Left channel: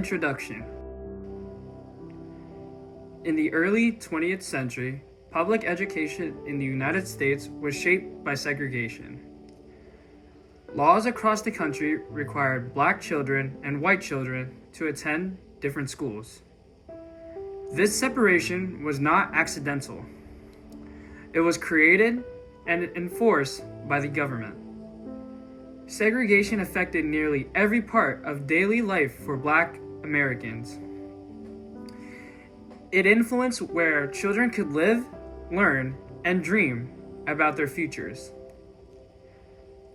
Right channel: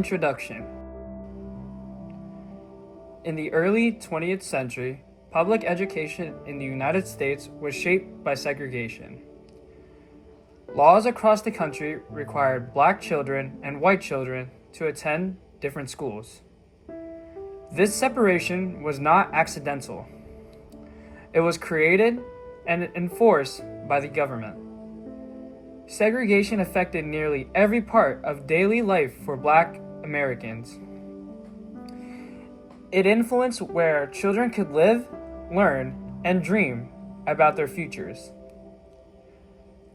Introduction. In the early 20th century, public education in the United States was shaped by segregation. Laws across the country required black children and white children to attend different schools. This separation was not accidental. It was created and enforced by the government. Segregation affected nearly every part of daily life for Black Americans. It influenced where children could live, learn, and dream about their futures.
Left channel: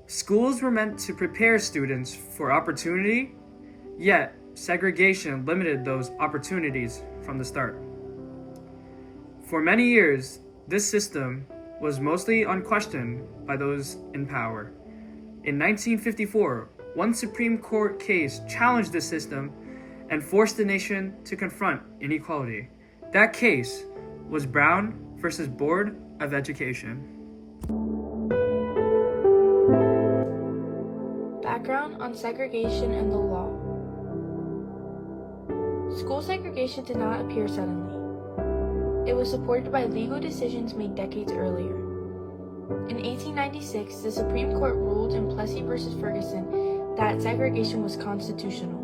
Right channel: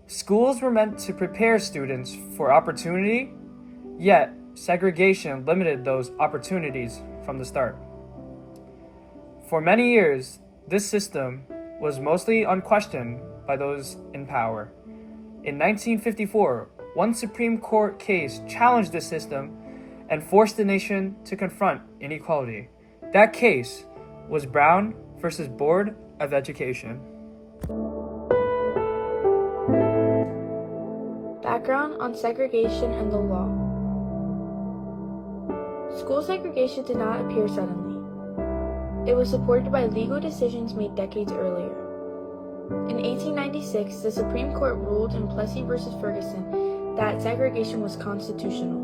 Schools were meant to prepare students for opportunity, yet segregation limited those opportunities from the start. For many years, this system was mostly unquestioned by those in power. In 1954, one Supreme Court case challenged the system and forced the nation to confront inequality. That case was Brown versus Board of Education. Background on segregation and the law. School segregation did not appear suddenly. It was supported by legal decisions made decades earlier. In 1896, the Supreme Court ruled in Plessy v. Ferguson that segregation was constitutional.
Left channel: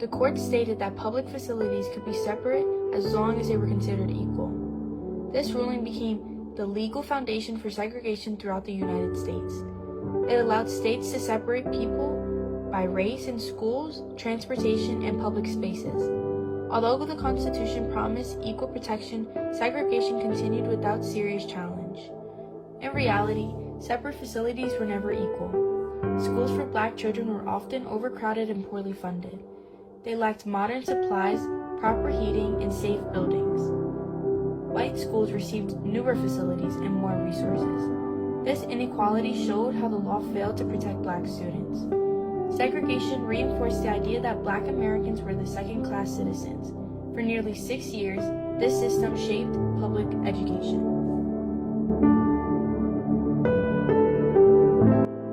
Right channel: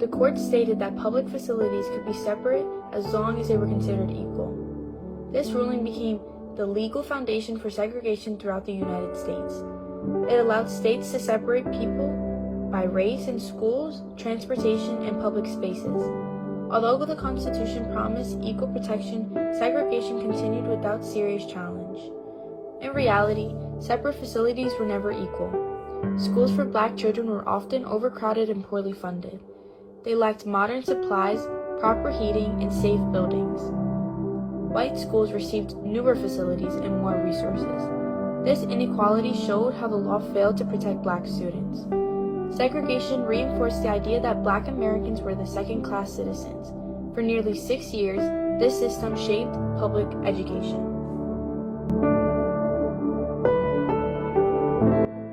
The court stated that public facilities could be separate as long as they were considered equal. This ruling became the legal foundation for segregation throughout the United States. It allowed states to separate people by race in schools, transportation, and public spaces. Although the Constitution promised equal protection, segregation continued without serious challenge. In reality, separate facilities were never equal. Schools for Black children were often overcrowded and poorly funded. They lacked modern supplies, proper heating, and safe buildings. White schools received newer facilities and more resources. This inequality showed how the law failed to protect Black students. Segregation reinforced the idea that Black Americans were the second-class citizens. For nearly 6 years, this system shaped public education.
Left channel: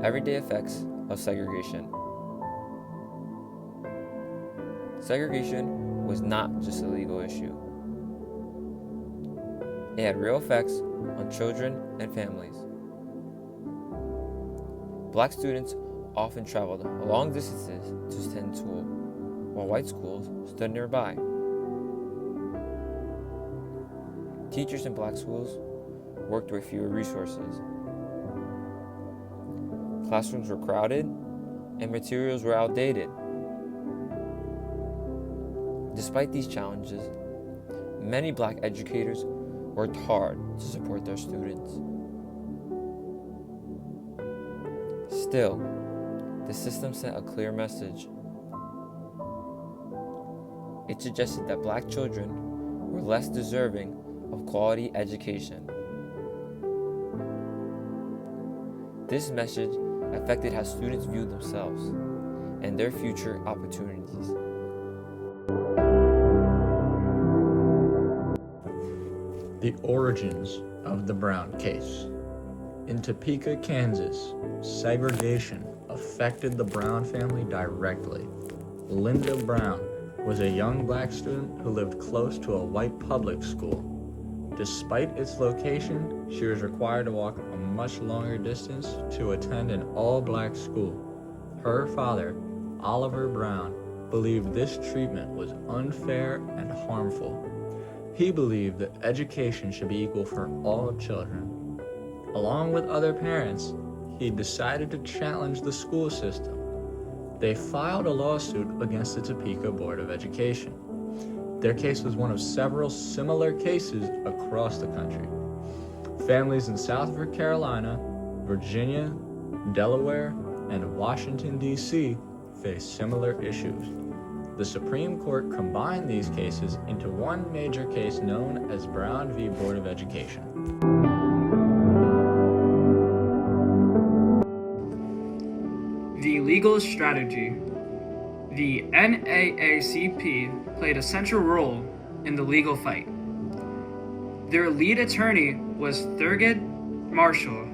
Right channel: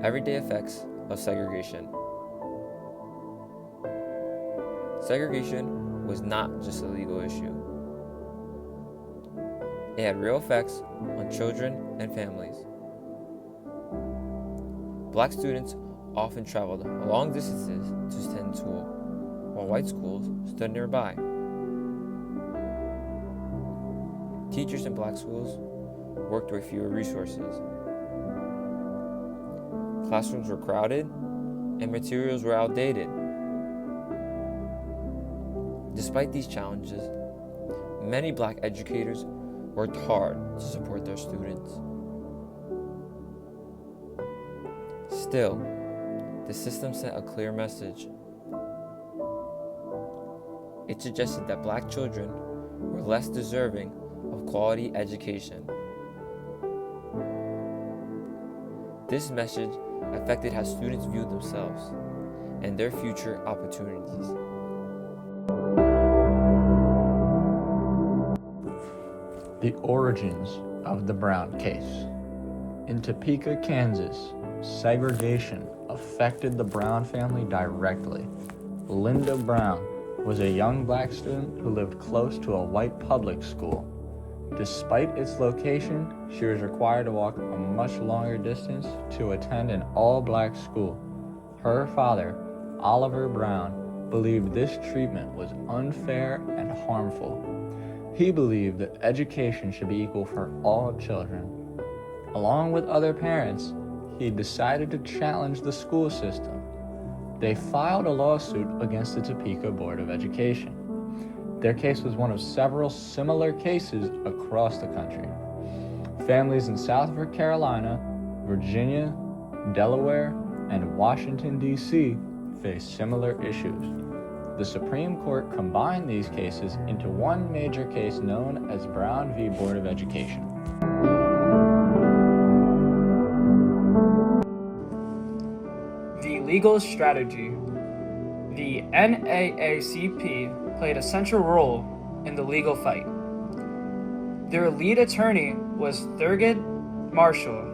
Everyday effects of segregation. Segregation was not just a legal issue. It had real effects on children and families. Black students often traveled long distances to attend school, while white schools stood nearby. Teachers in Black schools worked with fewer resources. Classrooms were crowded and materials were outdated. Despite these challenges, many Black educators worked hard to support their students. Still, the system sent a clear message. It suggested that Black children were less deserving of quality education. This message affected how students viewed themselves and their future opportunities. The origins of the Brown case. In Topeka, Kansas, segregation affected the Brown family directly. Linda Brown was a young Black student who lived close to a white public school. Despite its location, she was required to walk a much longer distance to attend an all-Black school. Her father, Oliver Brown, believed this treatment was unfair and harmful. He believed that education should be equal for all children. Along with other parents, he decided to challenge the school system. They filed a lawsuit against the Topeka Board of Education. Their case was one of several similar cases across the country. Families in South Carolina, Virginia, Delaware, and Washington, D.C. faced similar issues. The Supreme Court combined these cases into one major case known as Brown v. Board of Education. The legal strategy. The NAACP played a central role in the legal fight. Their lead attorney was Thurgood Marshall.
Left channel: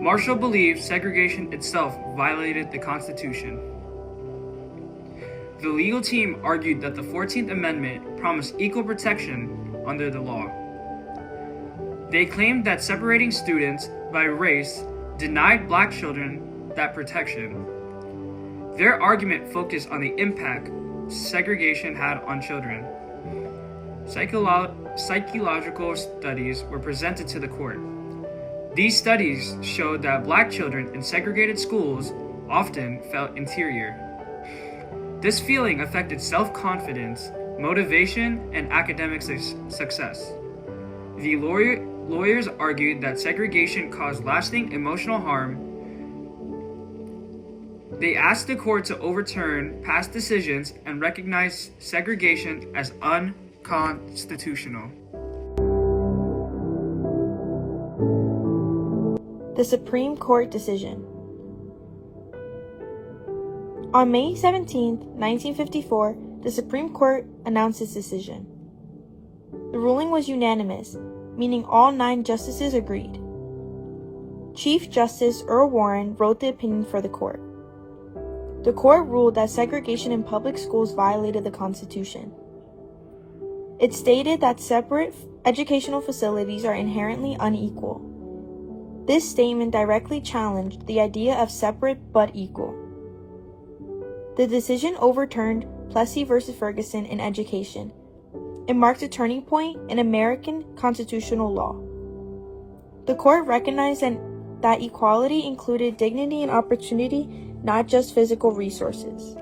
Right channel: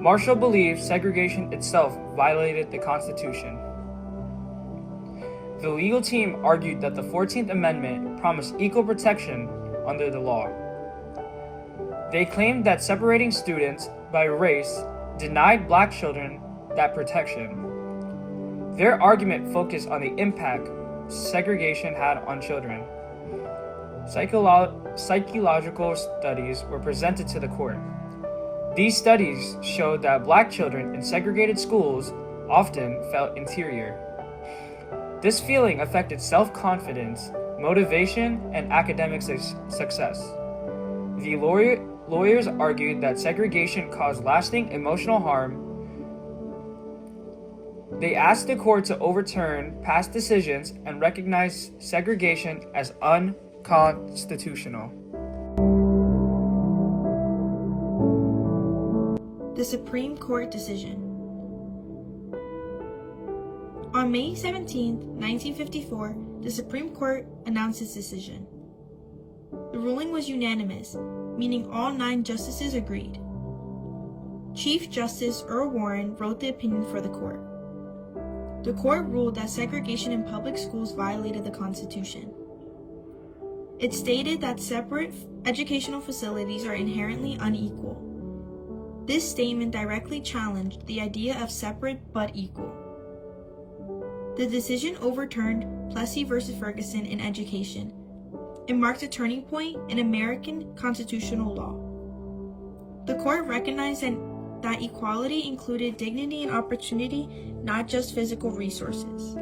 Marshall believed segregation itself violated the Constitution. The legal team argued that the 14th Amendment promised equal protection under the law. They claimed that separating students by race denied black children that protection. Their argument focused on the impact segregation had on children. Psychological studies were presented to the court. These studies showed that black children in segregated schools often felt inferior. This feeling affected self-confidence, motivation, and academic success. The lawyers argued that segregation caused lasting emotional harm. They asked the court to overturn past decisions and recognize segregation as unconstitutional. The Supreme Court decision. On May 17, 1954, the Supreme Court announced its decision. The ruling was unanimous, meaning all 9 justices agreed. Chief Justice Earl Warren wrote the opinion for the court. The court ruled that segregation in public schools violated the Constitution. It stated that separate educational facilities are inherently unequal. This statement directly challenged the idea of separate but equal. The decision overturned Plessy v. Ferguson in education. It marked a turning point in American constitutional law. The court recognized that equality included dignity and opportunity, not just physical resources.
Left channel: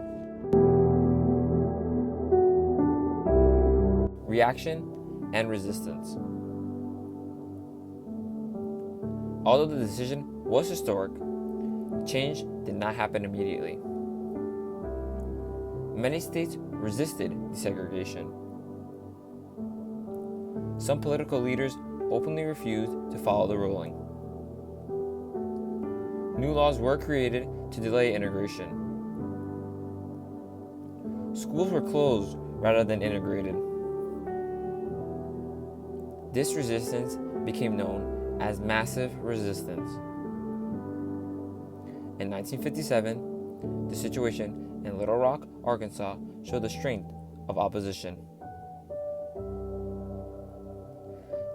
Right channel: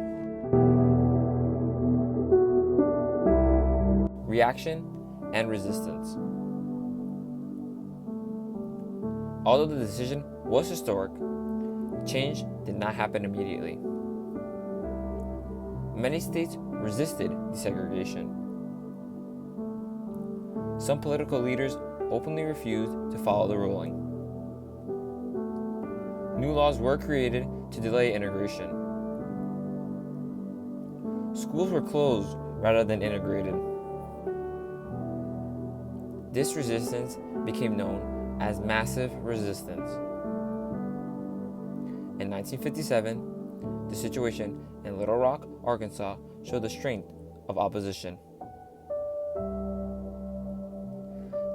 Reaction and resistance. Although the decision was historic, change did not happen immediately. Many states resisted desegregation. Some political leaders openly refused to follow the ruling. New laws were created to delay integration. Schools were closed rather than integrated. This resistance became known as massive resistance. In 1957, the situation in Little Rock, Arkansas showed the strength of opposition.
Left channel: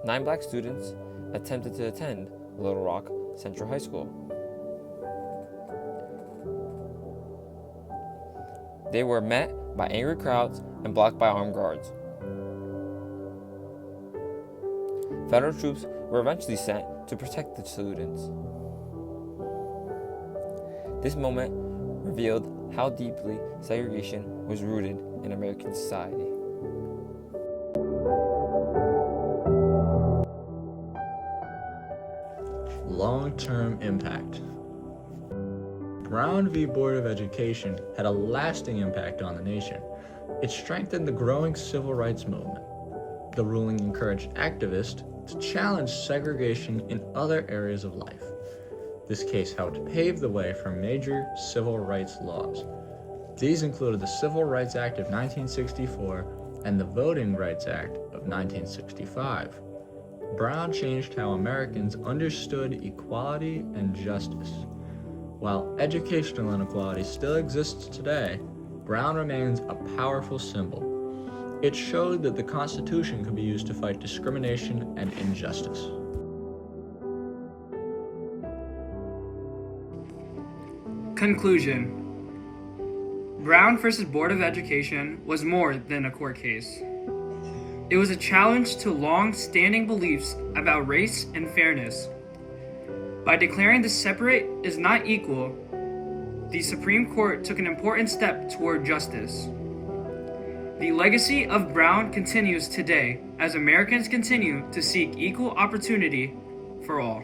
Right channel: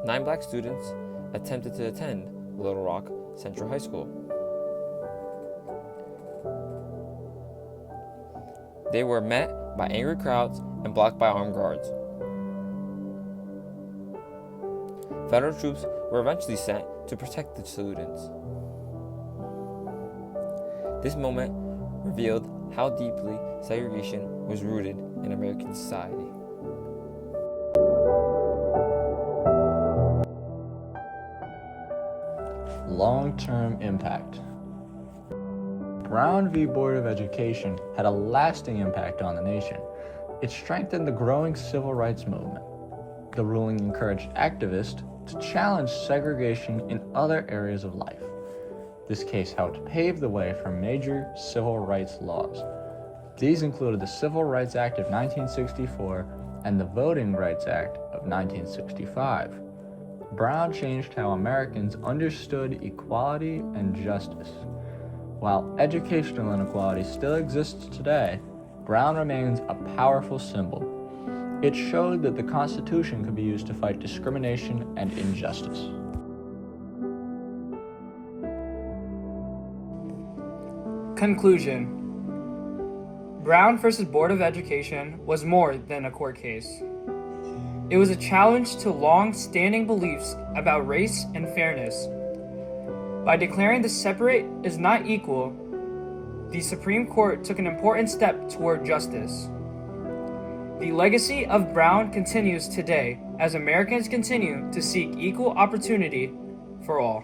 9 black students attempted to attend Little Rock Central High School. They were met by angry crowds and blocked by armed guards. Federal troops were eventually sent to protect the students. This moment revealed how deeply segregation was rooted in American society. Long-term impact. Brown v. Board of Education had a lasting impact on the nation. It strengthened the growing civil rights movement. The ruling encouraged activists to challenge segregation in other areas of life. This case helped pave the way for major civil rights laws. These included the Civil Rights Act of 1964 and the Voting Rights Act of 1965. Brown changed how Americans understood equality and justice. While educational inequality still exists today, Brown remains a powerful symbol. It showed that the Constitution could be used to fight discrimination and injustice. Conclusion. Brown v. Board of Education was more than a court case. It was a challenge to long-standing beliefs about race and fairness. By declaring the separate is not equal, the Supreme Court took an important step toward justice. The legacy of Brown continues today as Americans continue to seek equal opportunity for all.